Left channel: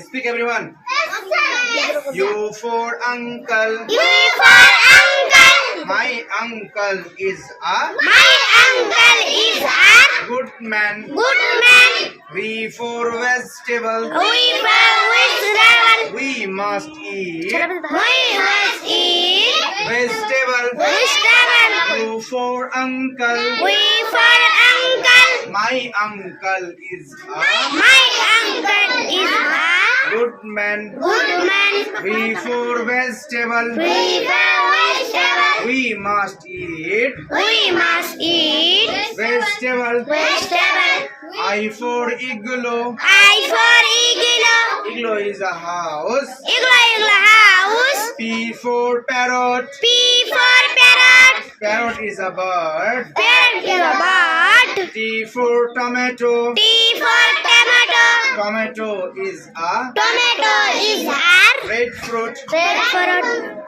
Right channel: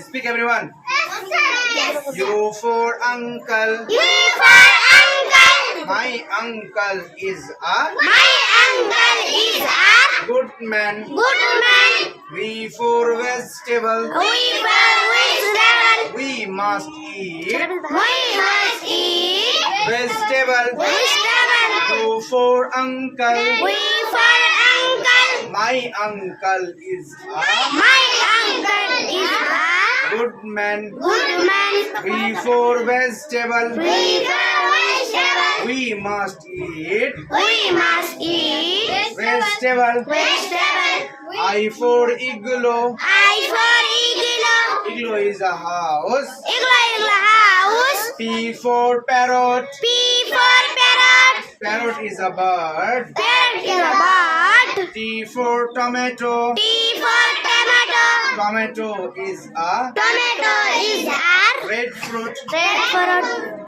Speak everyone. U for uncle. U for uncle. My uncle is a My uncle is a good man. good man. V for vegetable. We vegetable. We must eat We must eat vegetable. vegetable. U for uncle. We for uncle. My uncle is a My uncle is a good man. good man. V for vegetable. We for vegetable. We must eat We must eat vegetable. vegetable. I for igloo. I for igloo. Igloo is a house. Igloo house. P for parrot. P for parrot. Parrot is a bird. Parrot is a bird. T for tomato. T for tomato. Tomato is a Tomato is a red fruit. red fruit.